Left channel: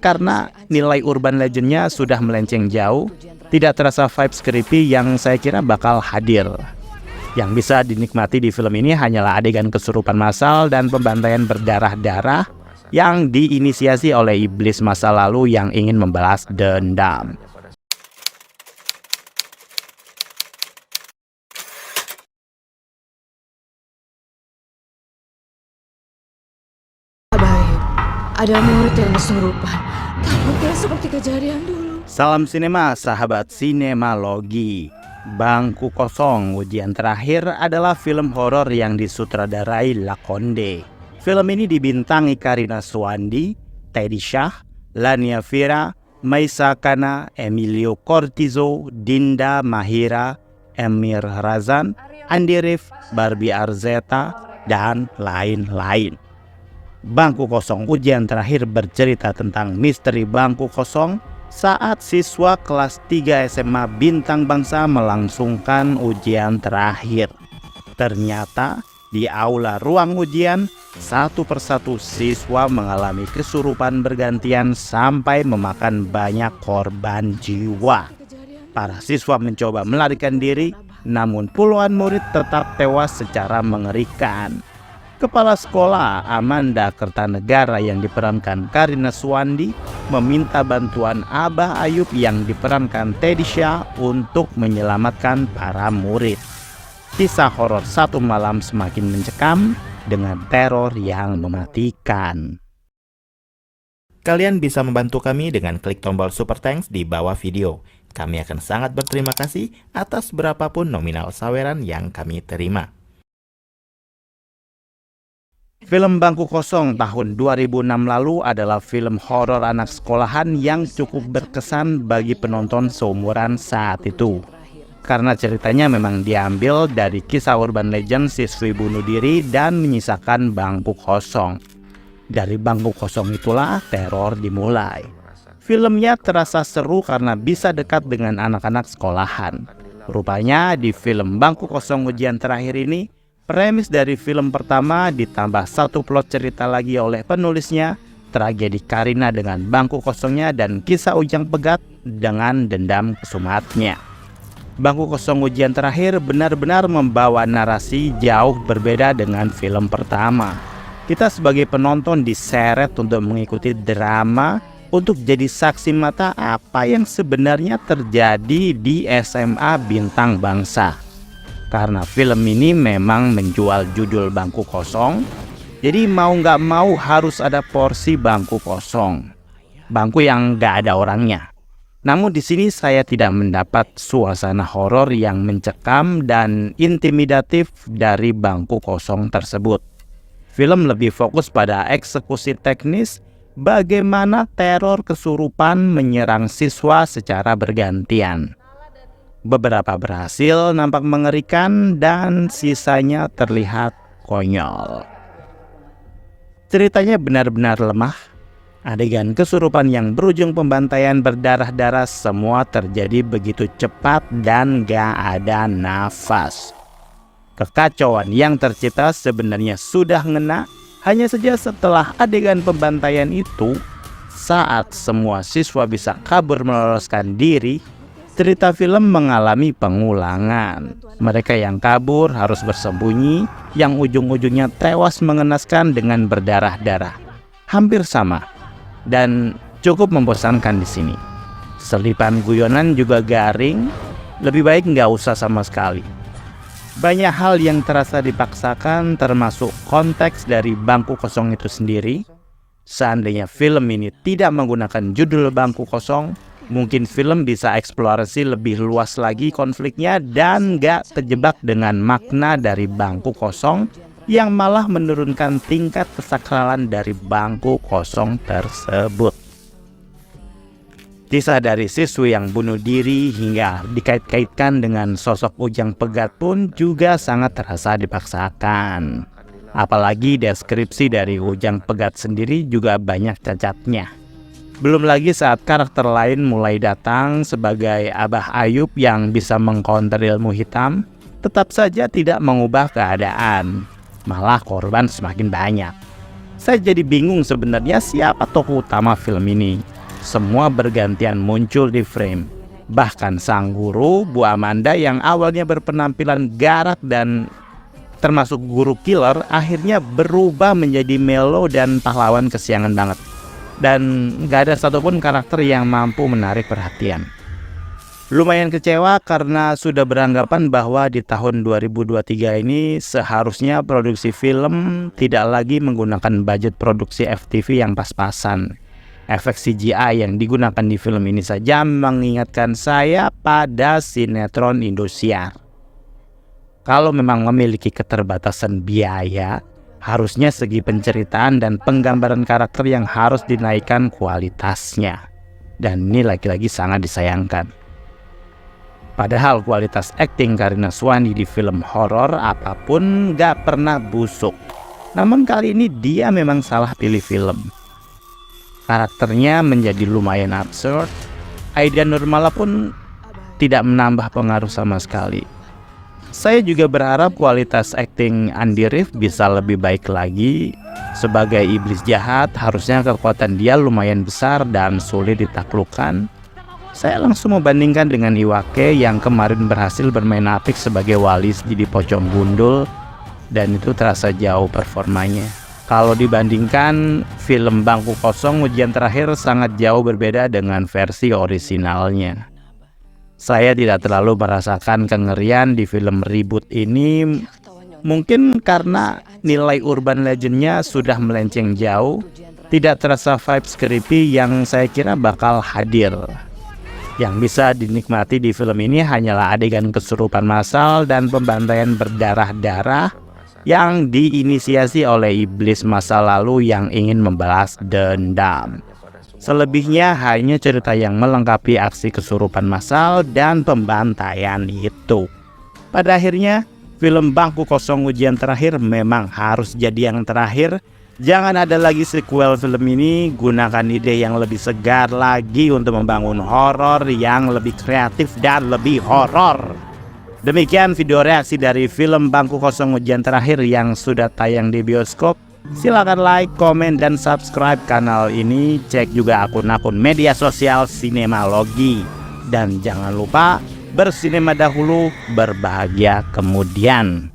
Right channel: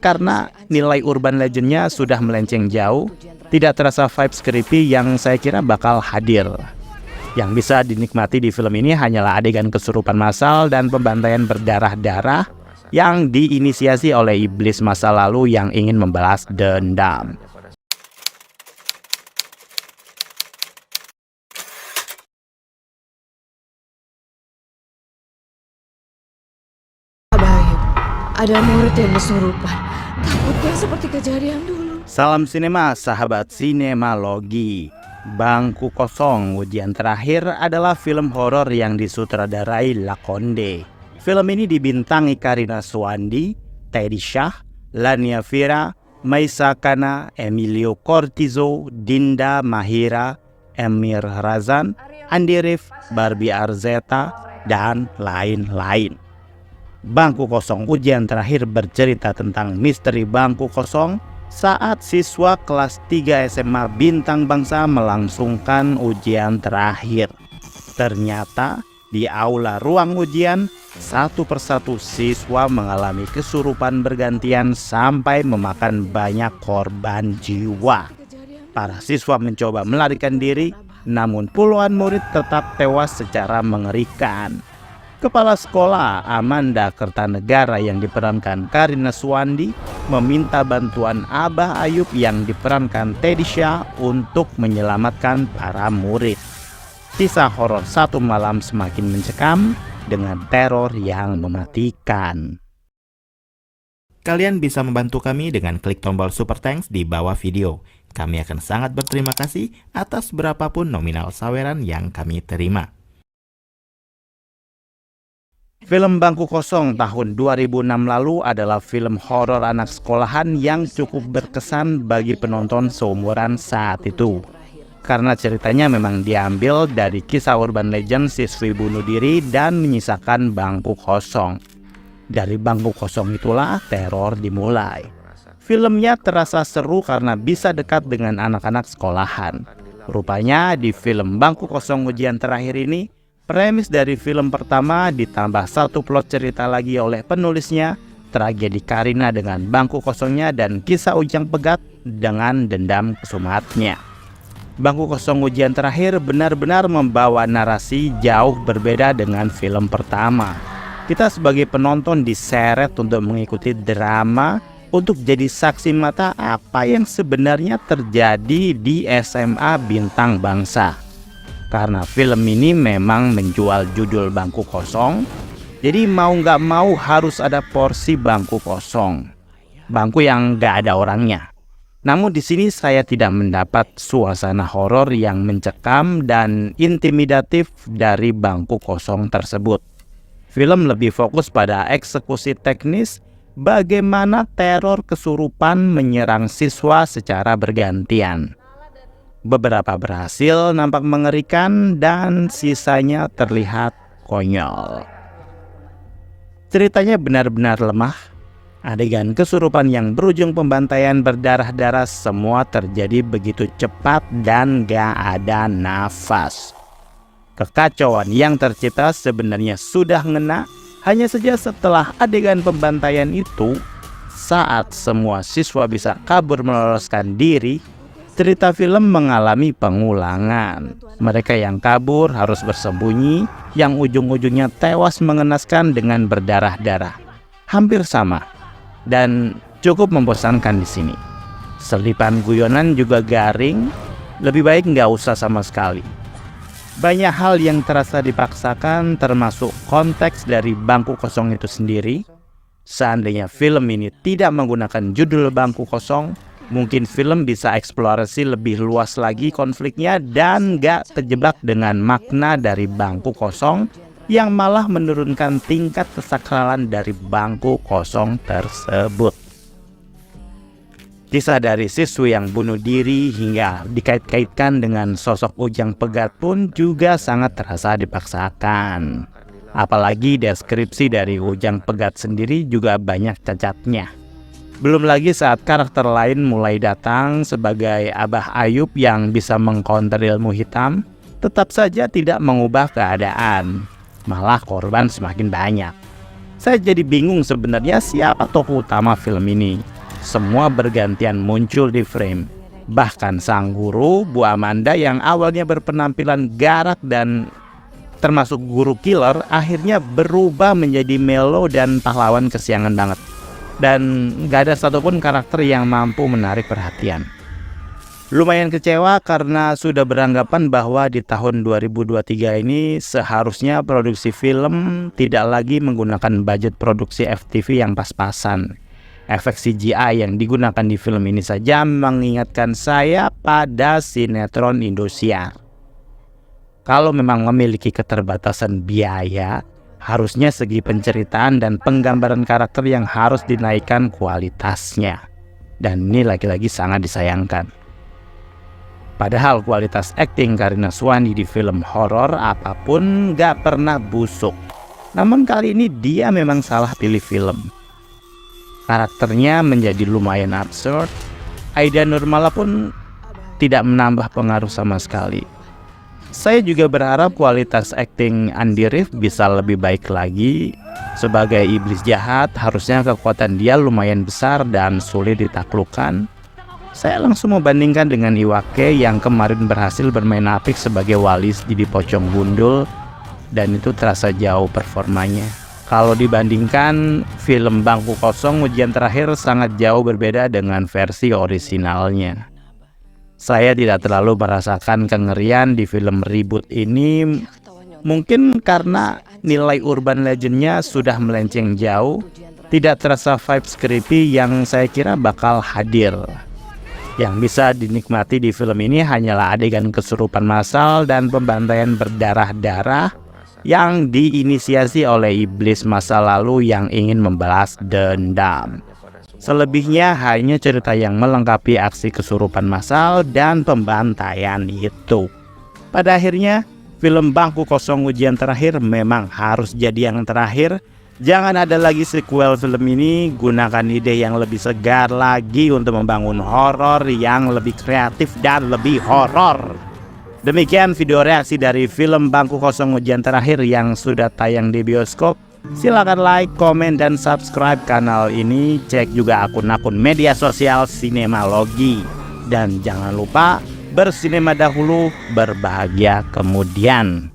karena nilai urban legendnya sudah melenceng jauh, tidak terasa vibes creepy yang saya kira bakal hadir. Yang bisa dinikmati di film ini hanyalah adegan kesurupan massal dan pembantaian berdarah-darah yang diinisiasi oleh iblis masa lalu yang ingin membalas dendam. Baik, ada murid yang kesurupan. Takutnya seperti kejadian dulu. Salam sinema, sahabat sinemalogi. Bangku Kosong ujian terakhir adalah film horor yang disutradarai Lakonde. Film ini dibintangi Karina Suwandi, Teddy Shah, Lania Vira, Maisa Kana, Emilio Cortizo, Dinda Mahira, Emir Razan, Andi Rif, Barbie Arzeta, dan lain-lain. Bangku Kosong ujian terakhir bercerita tentang misteri bangku kosong saat siswa kelas 3 SMA Bintang Bangsa melangsungkan ujian terakhir. Ternyata di aula ruang ujian, satu persatu siswa mengalami kesurupan bergantian sampai memakan banyak korban jiwa. Para siswa mencoba melarikan diri, namun puluhan murid tetap tewas secara mengerikan. Kepala sekolah Amanda Kertanegara yang diperankan Karina Suwandi meminta bantuan Abah Ayub yang diperankan Teddy Shah untuk menyelamatkan para murid. Kisah horor satu malam semakin mencekam dengan teror yang mematikan. Kalian bisa membantu kami dengan klik tombol Super Thanks di bawah video. Kami akan sangat berterima kasih atas berapapun nominal saweran yang kami terima. Film Bangku Kosong tahun 2006 lalu adalah film horor anak sekolahan yang cukup berkesan bagi penonton seumuran saat itu. Karena ceritanya memang diambil dari kisah urban legend siswi bunuh diri dan menyisakan bangku kosong. Dari bangku kosong itulah teror dimulai. Filmnya terasa seru karena bisa dekat dengan anak-anak sekolahan. Rupanya di film Bangku Kosong ujian terakhir ini, premis dari film pertama ditambah satu plot cerita lagi oleh penulisnya, tragedi Karina dengan bangku kosongnya dan kisah Ujang Pegat dengan dendam kesumatnya. Bangku Kosong ujian terakhir benar-benar membawa narasi jauh berbeda dengan film pertama. Kita sebagai penonton diseret untuk mengikuti drama, untuk jadi saksi mata apa yang sebenarnya terjadi di SMA Bintang Bangsa. Karena film ini memang menjual judul bangku kosong, jadi mau nggak mau harus ada porsi bangku kosong. Bangku yang nggak ada orangnya. Namun di sini saya tidak mendapat suasana horor yang mencekam dan intimidatif dari bangku kosong tersebut. Film lebih fokus pada eksekusi teknis, bagaimana teror kesurupan menyerang siswa secara bergantian. Beberapa berhasil nampak mengerikan dan sisanya terlihat konyol. Ceritanya benar-benar lemah. Adegan kesurupan yang berujung pembantaian berdarah-darah semua terjadi begitu cepat dan gak ada nafas. Kekacauan yang tercipta sebenarnya sudah ngena, hanya saja setelah adegan pembantaian itu, saat semua siswa bisa kabur meloloskan diri, cerita film mengalami pengulangan. Mereka yang kabur harus bersembunyi, yang ujung-ujungnya tewas mengenaskan dengan berdarah-darah. Hampir sama, dan cukup membosankan di sini. Selipan guyonan juga garing, lebih baik nggak usah sama sekali. Banyak hal yang terasa dipaksakan, termasuk konteks dari bangku kosong itu sendiri. Seandainya film ini tidak menggunakan judul bangku kosong, mungkin film bisa eksplorasi lebih luas lagi konfliknya dan gak terjebak dengan makna dari bangku kosong yang malah menurunkan tingkat kesakralan dari bangku kosong tersebut. Kisah dari siswi yang bunuh diri hingga dikait-kaitkan dengan sosok Ujang Pegat pun juga sangat terasa dipaksakan. Apalagi deskripsi dari Ujang Pegat sendiri juga banyak cacatnya. Belum lagi saat karakter lain mulai datang sebagai Abah Ayub yang bisa mengcounter ilmu hitam, tetap saja tidak mengubah keadaan. Malah korban semakin banyak. Saya jadi bingung sebenarnya siapa tokoh utama film ini. Semua bergantian muncul di frame. Bahkan sang guru, Bu Amanda yang awalnya berpenampilan garang dan termasuk guru killer, akhirnya berubah menjadi melo dan pahlawan kesiangan banget. Dan gak ada satupun karakter yang mampu menarik perhatian. Lumayan kecewa karena sudah beranggapan bahwa di tahun 2023 ini seharusnya produksi film tidak lagi menggunakan budget produksi FTV yang pas-pasan. Efek CGI yang digunakan di film ini saja mengingatkan saya pada sinetron Indosiar. Kalau memang memiliki keterbatasan biaya, harusnya segi penceritaan dan penggambaran karakter yang harus dinaikkan kualitasnya. Dan ini lagi-lagi sangat disayangkan. Padahal kualitas akting Karina Suwandi di film horor apapun gak pernah busuk. Namun kali ini dia memang salah pilih film. Karakternya menjadi lumayan absurd. Aida Nurmala pun tidak menambah pengaruh sama sekali. Saya juga berharap kualitas akting Andy Rif bisa lebih baik lagi. Sebagai iblis jahat, harusnya kekuatan dia lumayan besar dan sulit ditaklukkan. Saya langsung membandingkan dengan Iwake yang kemarin berhasil bermain apik sebagai Walis di Pocong Gundul, dan itu terasa jauh performanya. Kalau dibandingkan, film Bangku Kosong Ujian Terakhir sangat jauh berbeda dengan versi orisinalnya. Saya tidak terlalu merasakan kengerian di film reboot ini, mungkin karena nilai urban legendnya sudah melenceng jauh, tidak terasa vibes creepy yang saya kira bakal hadir. Yang bisa dinikmati di film ini hanyalah adegan kesurupan massal dan pembantaian berdarah-darah yang diinisiasi oleh iblis masa lalu yang ingin membalas dendam. Selebihnya hanya cerita yang melengkapi aksi kesurupan massal dan pembantaian itu. Pada akhirnya, film Bangku Kosong Ujian Terakhir memang harus jadi yang terakhir. Jangan ada lagi sequel film ini, gunakan ide yang lebih segar lagi untuk membangun horor yang lebih kreatif dan lebih horor. Demikian video reaksi dari film Bangku Kosong Ujian Terakhir yang sudah tayang di bioskop. Silakan like, komen, dan subscribe kanal ini. Cek juga akun-akun media sosial Sinemalogi. Dan jangan lupa bersinema dahulu, berbahagia kemudian.